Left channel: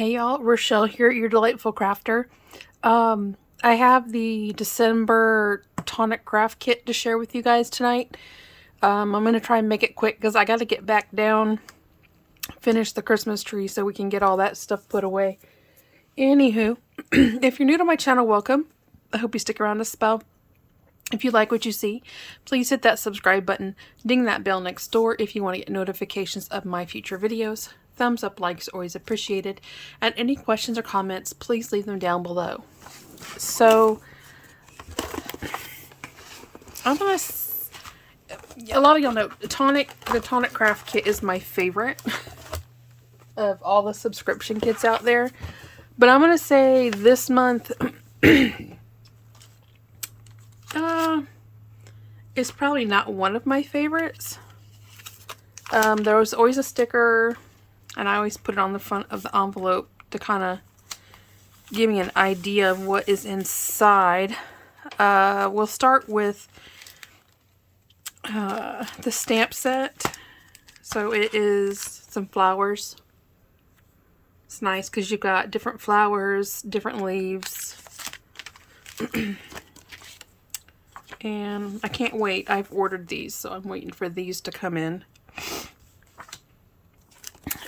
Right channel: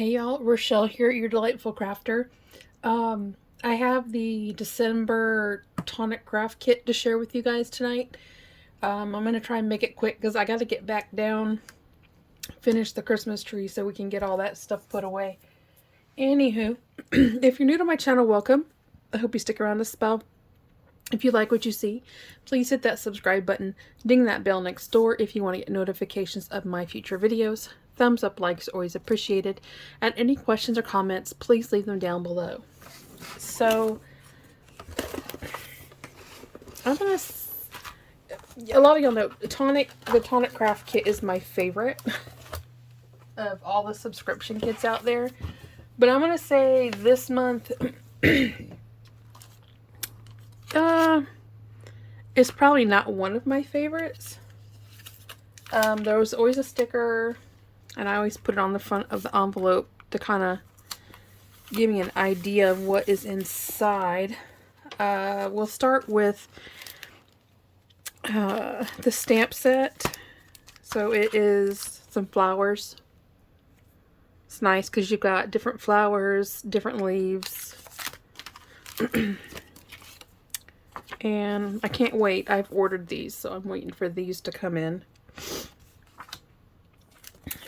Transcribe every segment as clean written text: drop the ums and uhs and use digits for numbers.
Hey y'all, Rochelle here, your delightful crafter. I have the December Tonic Craft kit to share with you guys tonight. I'm going to try and make it quick because I got to get back down, finish the Christmas tree so we can get all that stuff put away. Anywho, if you're new to my channel, welcome. I hope you stick around a spell. If you like what you see, please hit that subscribe button, ding that bell next door if you want to get notifications of my future videos. Thumbs up, likes, always appreciated. And any questions or comments, please leave them down below. So, a lot of y'all know the Tonic Craft kit is my favorite of all the subscription kits out there. But I'm going to say this month it's probably not one of my favorites. There was always a sticker, and I always put it on the front of the envelope to kind of give me an idea of what is inside. We'll start with the stamp set. So it is some flowers. It's nice because you've got different flowers, different leaves. And I can't wait. I've ordered these, so I'm waiting for these to come in.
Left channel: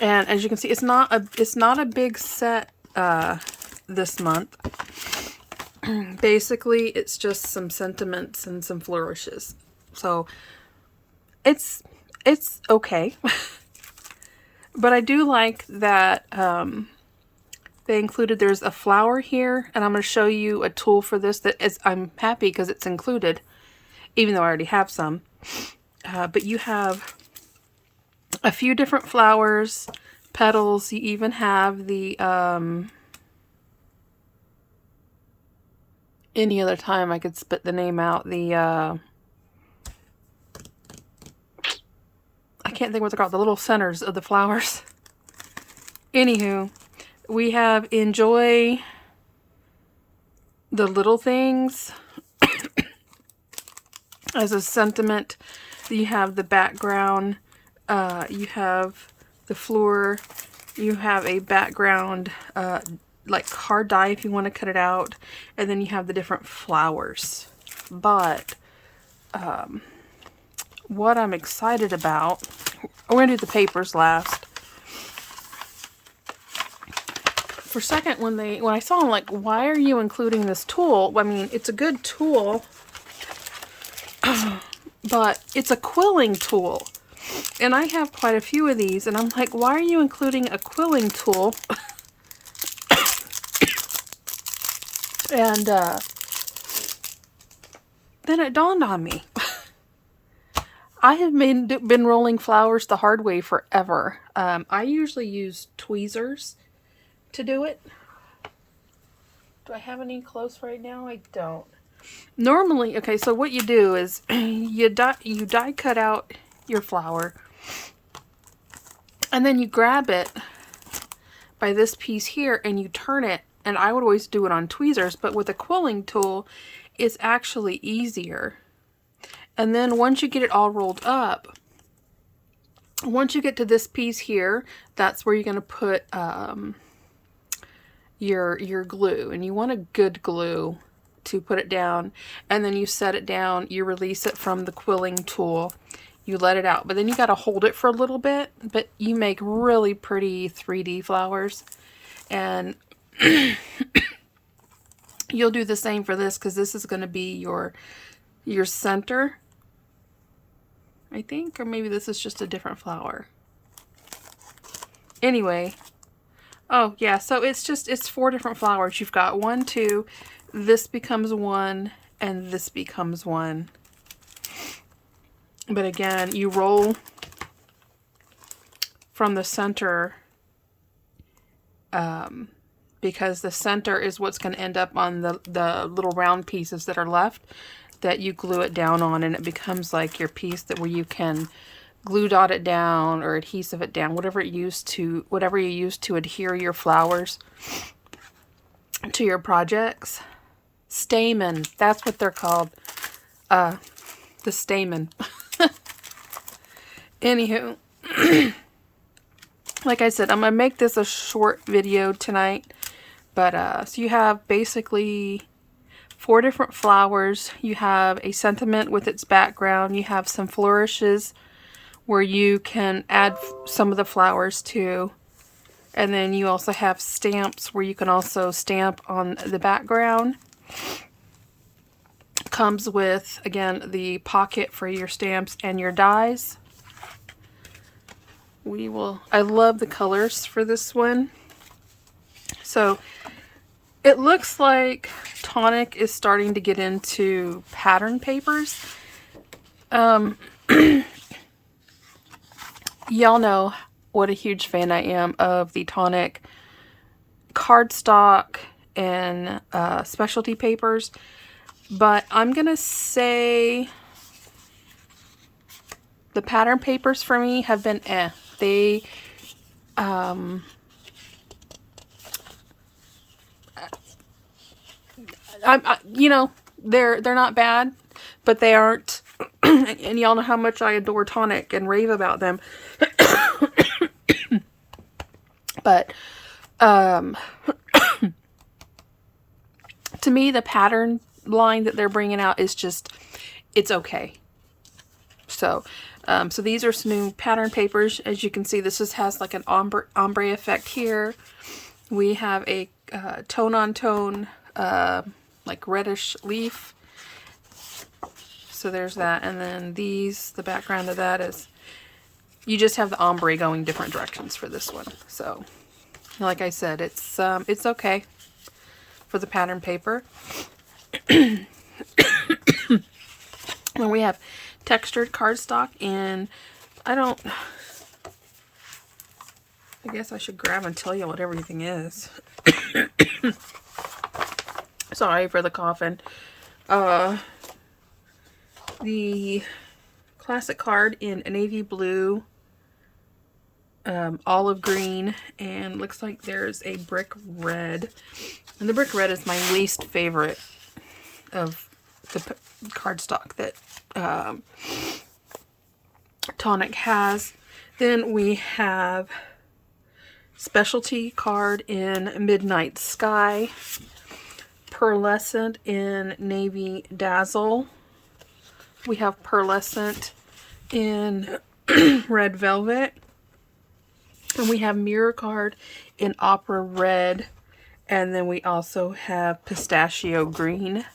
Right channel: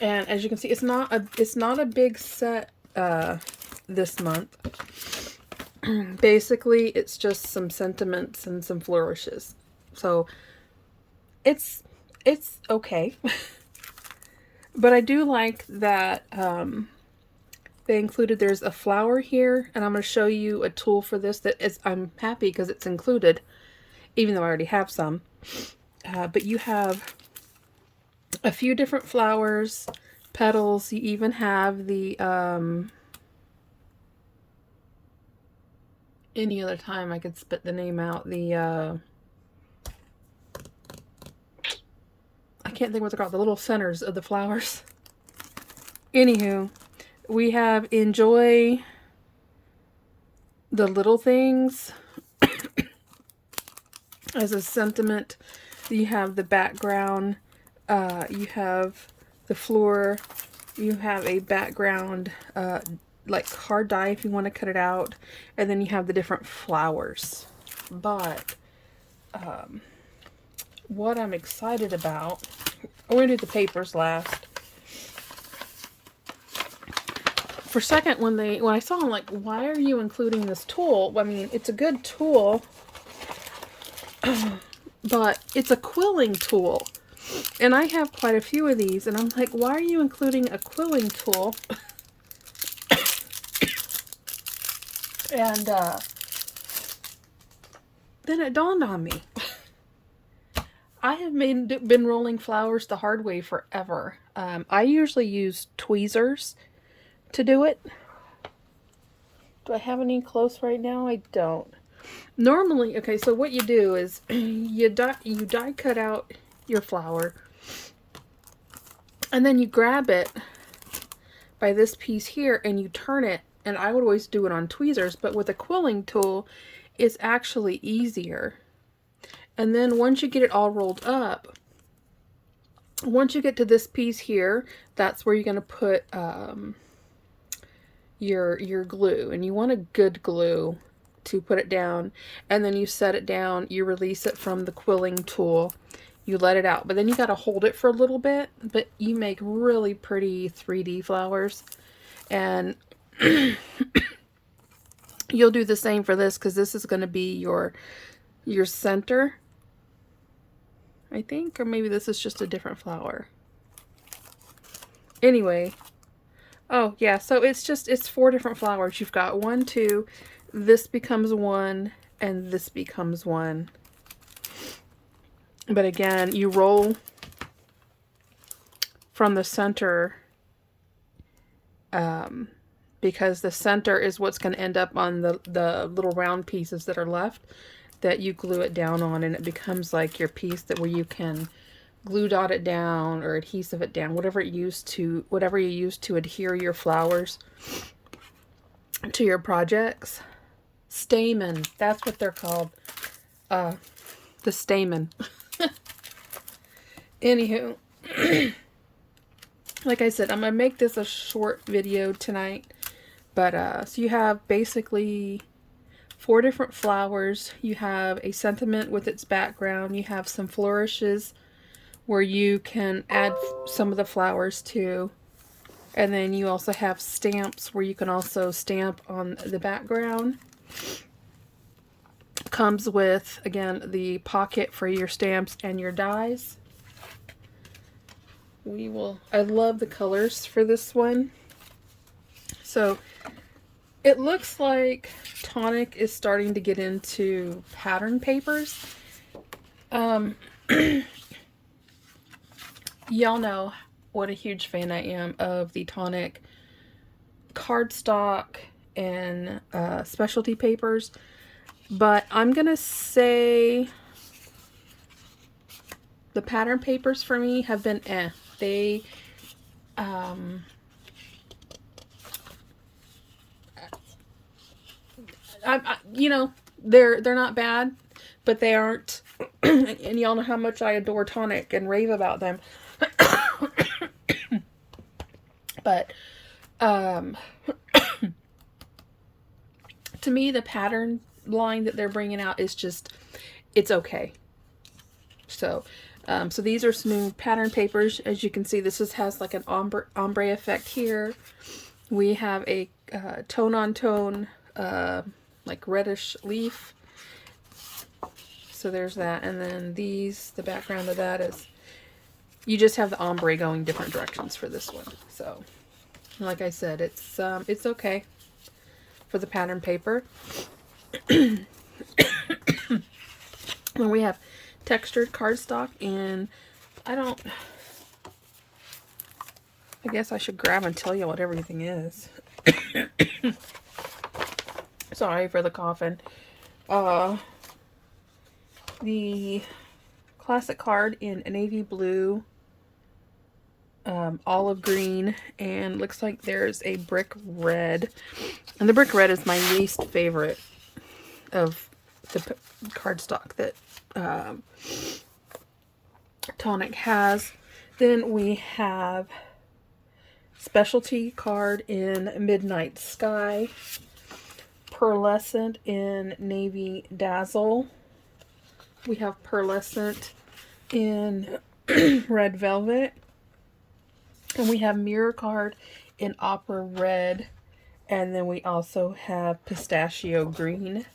And as you can see, it's not a big set this month. Basically, it's just some sentiments and some flourishes. So it's okay. But I do like that they included, there's a flower here, and I'm going to show you a tool for this that is, I'm happy because it's included, even though I already have some. But you have a few different flowers, petals. You even have the, any other time I could spit the name out, the, I can't think what they're called, the little centers of the flowers. Anywho, we have enjoy the little things as a sentiment. You have the background, you have the floor, you have a background like card die if you want to cut it out, and then you have the different flowers. But what I'm excited about, we're going to do the papers last. For a second, when I saw them, like, why are you including this tool? I mean, it's a good tool, but it's a quilling tool. And I have quite a few of these, and I'm like, why are you including a quilling tool? And then it dawned on me. I have been rolling flowers the hard way forever. I usually use tweezers to do it. Do I have any close right now? I don't. Normally, okay, so what you do is you die cut out your flower, and then you grab it by this piece here and you turn it, and I would always do it on tweezers, but with a quilling tool it's actually easier. And then once you get it all rolled up, once you get to this piece here, that's where you're going to put your glue, and you want a good glue to put it down. And then you set it down, you release it from the quilling tool, you let it out, but then you got to hold it for a little bit. But you make really pretty 3D flowers, and you'll do the same for this, because this is going to be your center, I think, or maybe this is just a different flower. Anyway, oh yeah, so it's 4 different flowers. You've got 1, 2, this becomes 1, and this becomes 1. But again, you roll from the center, because the center is what's going to end up on the little round pieces that are left, that you glue it down on, and it becomes like your piece where you can glue dot it down or adhesive it down, whatever you use to adhere your flowers to your projects. Stamen, that's what they're called. The stamen. Anywho, like I said, I'm going to make this a short video tonight. But, so you have basically 4 different flowers. You have a sentiment with its background. You have some flourishes where you can add some of the flowers to. And then you also have stamps where you can also stamp on the background. Comes with, again, the pocket for your stamps and your dies. I love the colors for this one. So it looks like Tonic is starting to get into pattern papers. Y'all know what a huge fan I am of the Tonic cardstock and specialty papers. But I'm going to say the pattern papers for me have been They, you know, they're not bad, but they aren't, and y'all know how much I adore Tonic and rave about them. But, to me, the pattern line that they're bringing out is just, it's okay. So, so these are some new pattern papers. As you can see, this just has like an ombre effect here. We have a tone-on-tone, like reddish leaf. So there's that. And then these, the background of that is, you just have the ombre going different directions for this one. So, like I said, it's okay for the pattern paper. Then we have textured cardstock, and I guess I should grab and tell you what everything is. Sorry for the coughing. The classic card in navy blue, olive green, and looks like there's a brick red. And the brick red is my least favorite of the cardstock that Tonic has. Then we have specialty card in Midnight Sky, pearlescent in Navy Dazzle. We have pearlescent in Red Velvet. And we have mirror card in Opera Red. And then we also have pistachio green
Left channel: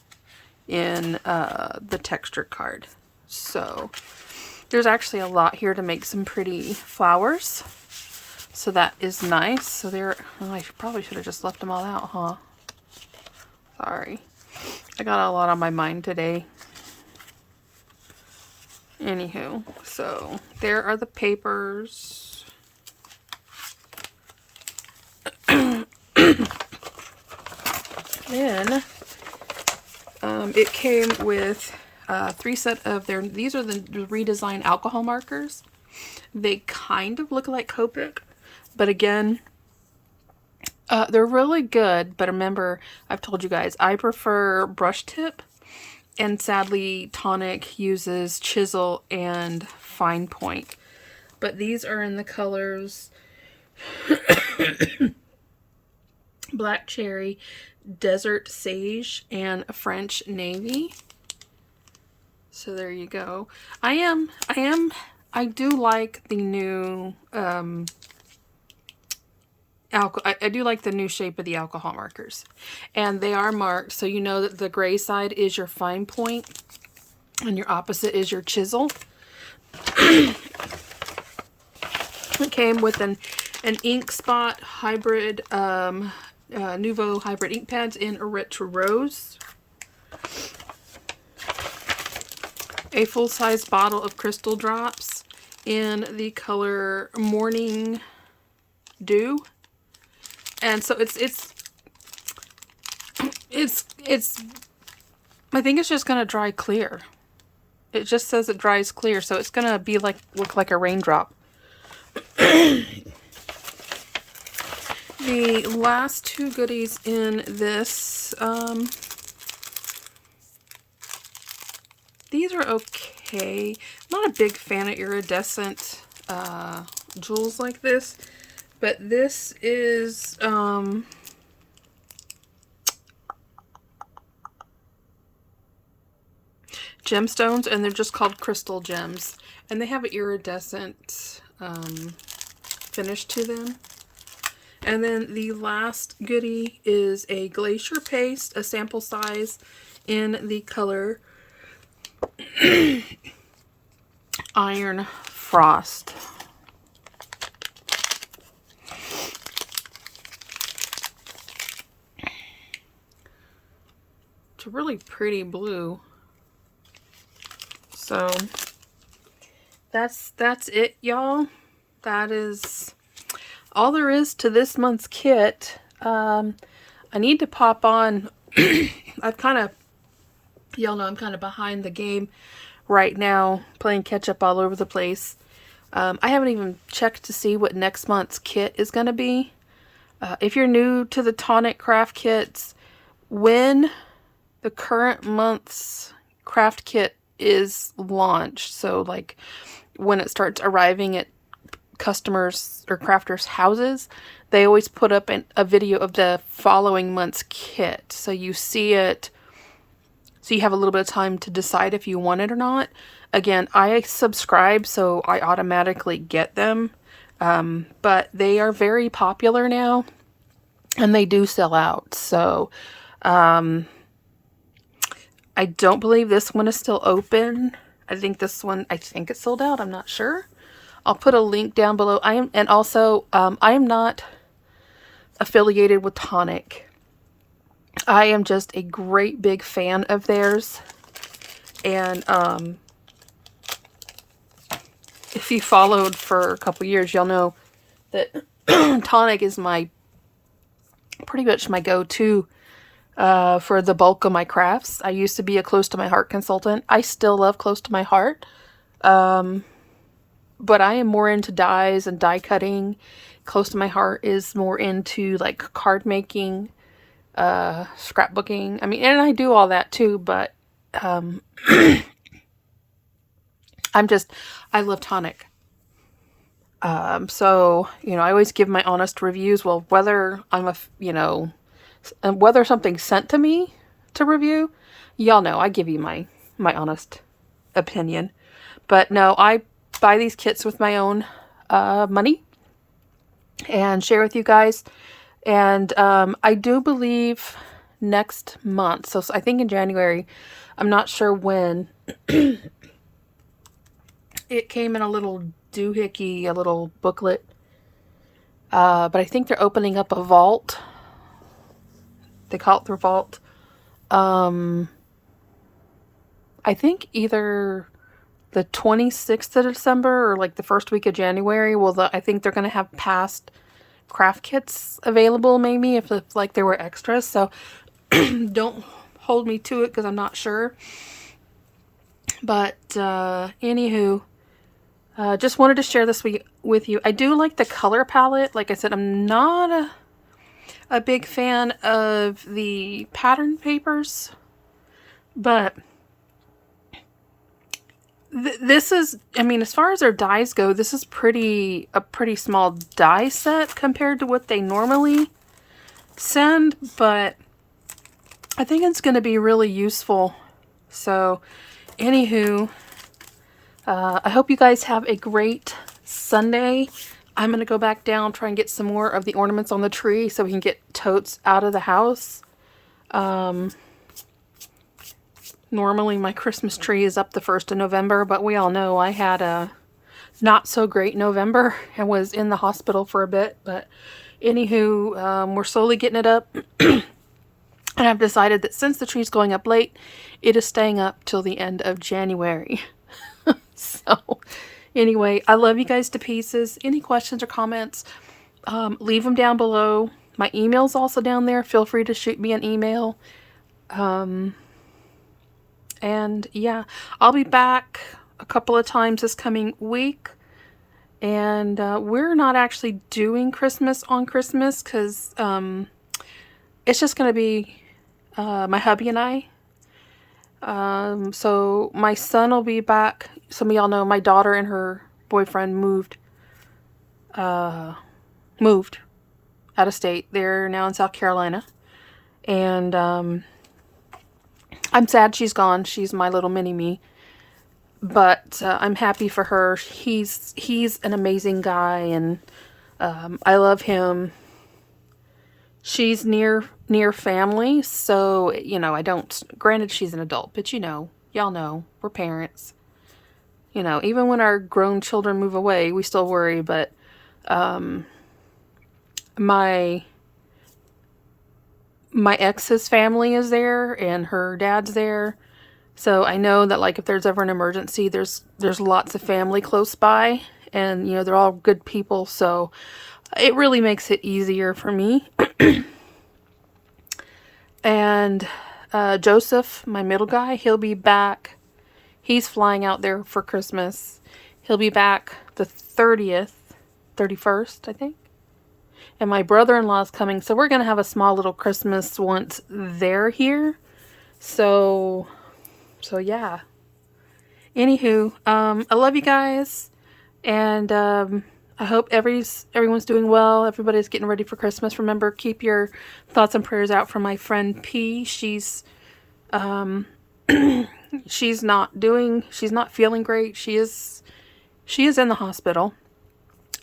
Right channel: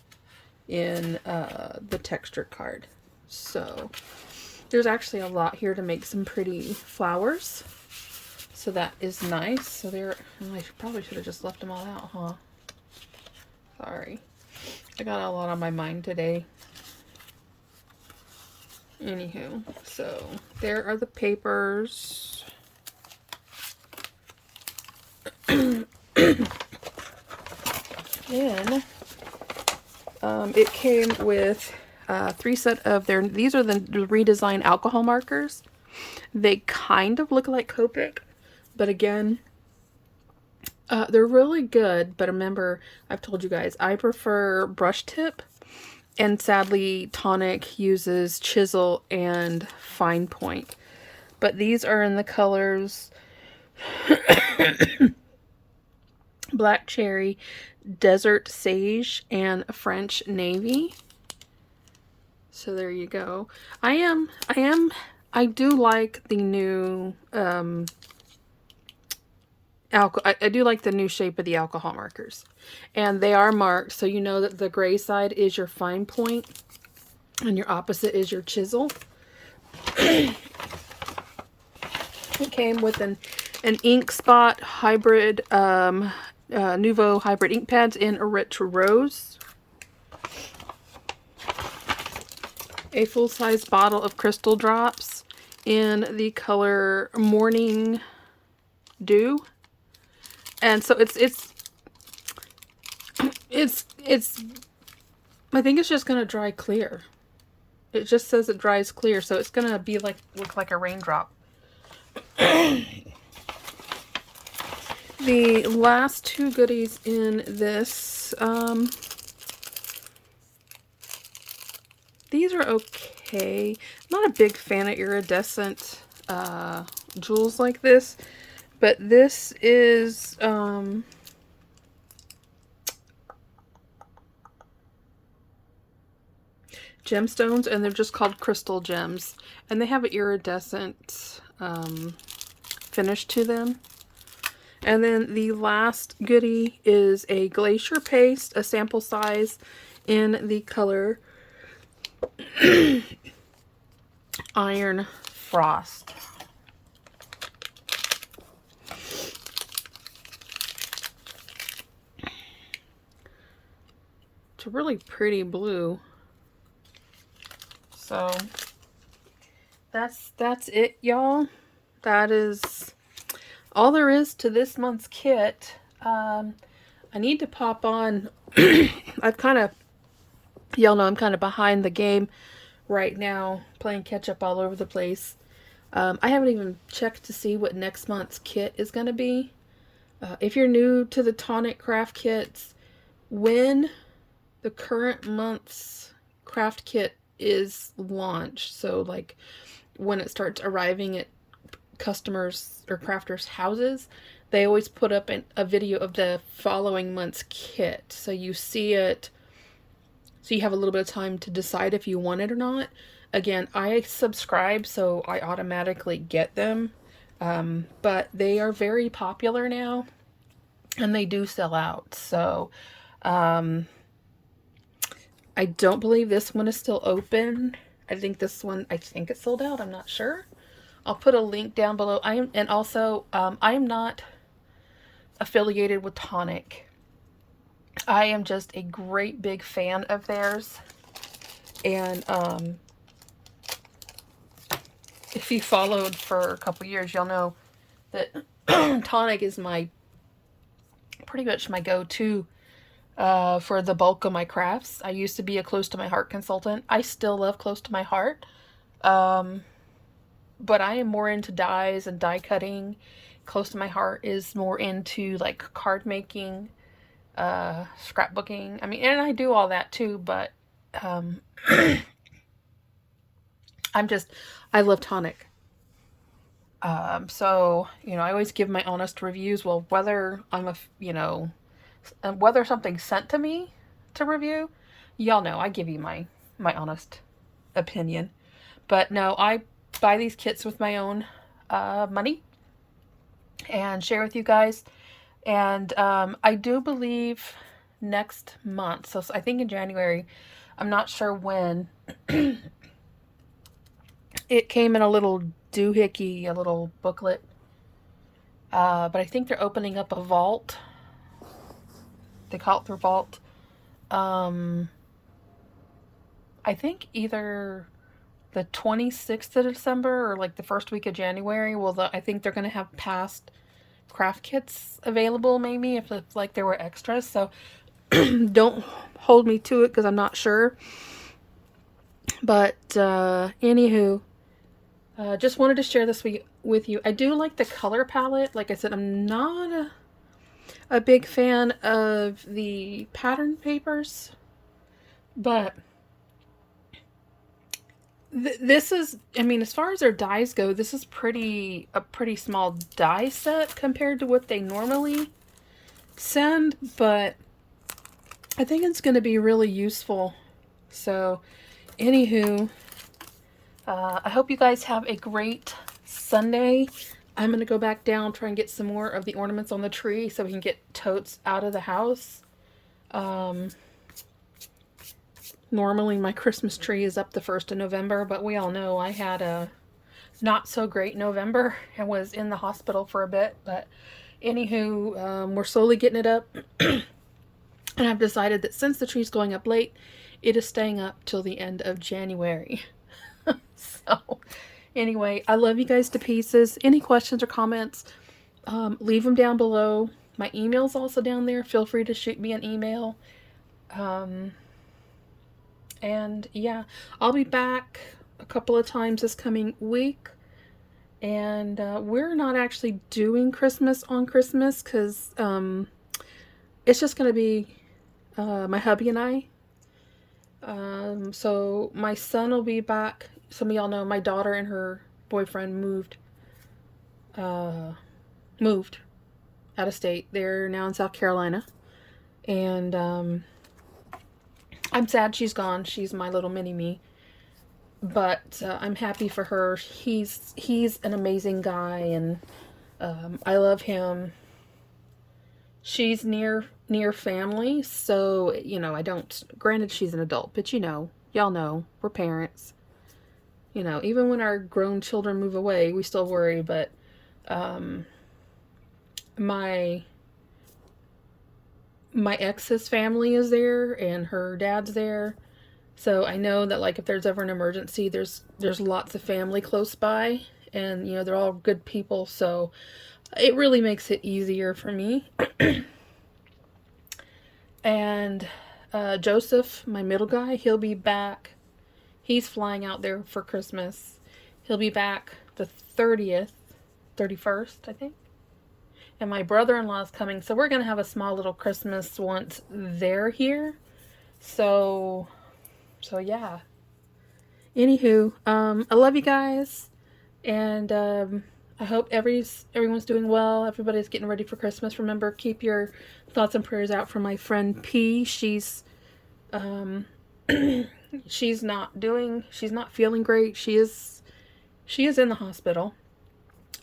in the texture card. So there's actually a lot here to make some pretty flowers. So that is nice. So I probably should have just left them all out, huh? Sorry. I got a lot on my mind today. Anywho, so there are the papers. Then it came with 3 set of these are the redesigned alcohol markers. They kind of look like Copic, but again, they're really good. But remember, I've told you guys, I prefer brush tip, and sadly Tonic uses chisel and fine point. But these are in the colors Black Cherry, Desert Sage, and French Navy. So there you go. I do like the new I do like the new shape of the alcohol markers. And they are marked, so you know that the gray side is your fine point and your opposite is your chisel. It came with an ink spot hybrid, Nouveau hybrid ink pads in a rich rose. A full-size bottle of crystal drops in the color Morning Dew. And so it's I think it's just gonna dry clear. It just says it dries clear, so it's gonna be look like a raindrop. The last 2 goodies in this, these are okay. I'm not a big fan of iridescent jewels like this, But this is gemstones, and they're just called crystal gems. And they have an iridescent finish to them. And then the last goodie is a glacier paste, a sample size in the color Iron Frost. It's a really pretty blue. So that's it, y'all. That is all there is to this month's kit. I need to pop on. I've kind of, y'all know I'm kind of behind the game right now, playing catch up all over the place. I haven't even checked to see what next month's kit is going to be. If you're new to the Tonic Craft kits, when the current month's craft kit is launched, so like when it starts arriving at customers or crafters' houses, they always put up a video of the following month's kit, so you see it, so you have a little bit of time to decide if you want it or not. Again, I subscribe, so I automatically get them, but they are very popular now, and they do sell out. So I don't believe this one is still open. I think this one, I think it's sold out. I'm not sure. I'll put a link down below. I am not affiliated with Tonic. I am just a great big fan of theirs. And if you followed for a couple years, you'll know that Tonic is pretty much my go-to for the bulk of my crafts. I used to be a Close to My Heart consultant. I still love Close to My Heart. But I am more into dies and die cutting. Close to My Heart is more into like card making, scrapbooking. I mean, and I do all that too, but I love Tonic. So, you know, I always give my honest reviews. Well, whether and whether something's sent to me to review, y'all know I give you my honest opinion. But no, I buy these kits with my own money and share with you guys. And I do believe next month, so I think in January, I'm not sure when, it came in a little doohickey, a little booklet, but I think they're opening up a vault. They call it their vault. I think either the 26th of December or like the first week of January. Well, I think they're going to have past craft kits available, maybe, if like there were extras. So don't hold me to it because I'm not sure. But anywho, just wanted to share this with you. I do like the color palette. Like I said, I'm not a big fan of the pattern papers, but this is, I mean, as far as their dies go, this is a pretty small die set compared to what they normally send, but I think it's going to be really useful. So anywho, I hope you guys have a great Sunday. I'm going to go back down, try and get some more of the ornaments on the tree so we can get totes out of the house. Normally my Christmas tree is up the 1st of November, but we all know I had a not so great November and was in the hospital for a bit. But anywho, we're slowly getting it up. And I've decided that since the tree's going up late, it is staying up till the end of January. So anyway, I love you guys to pieces. Any questions or comments, leave them down below. My email's also down there. Feel free to shoot me an email. And yeah, I'll be back a couple of times this coming week. And we're not actually doing Christmas on Christmas because it's just going to be my hubby and I. So my son will be back. Some of y'all know my daughter and her boyfriend moved moved out of state. They're now in South Carolina. And I'm sad she's gone. She's my little mini-me. But I'm happy for her. He's an amazing guy, and I love him. She's near family, so, you know, I don't... Granted, she's an adult, but, you know, y'all know, we're parents. You know, even when our grown children move away, we still worry, but my ex's family is there, and her dad's there. So I know that, like, if there's ever an emergency, there's lots of family close by, and, you know, they're all good people, so it really makes it easier for me. And Joseph, my middle guy, he'll be back. He's flying out there for Christmas. He'll be back the 30th, 31st, I think. And my brother-in-law's coming, so we're going to have a small little Christmas once they're here. So yeah. Anywho, I love you guys, and I hope everyone's doing well. Everybody's getting ready for Christmas. Remember, keep your thoughts and prayers out for my friend P. She's she's not feeling great. She is in the hospital.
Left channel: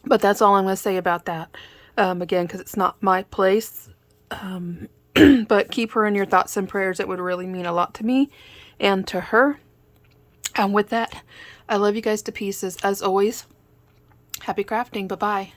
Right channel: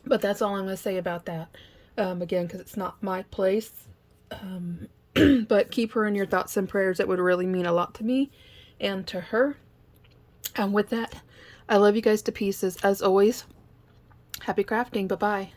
But that's all I'm going to say about that. Again, because it's not my place. But keep her in your thoughts and prayers. It would really mean a lot to me and to her. And with that, I love you guys to pieces. As always, happy crafting. Bye-bye.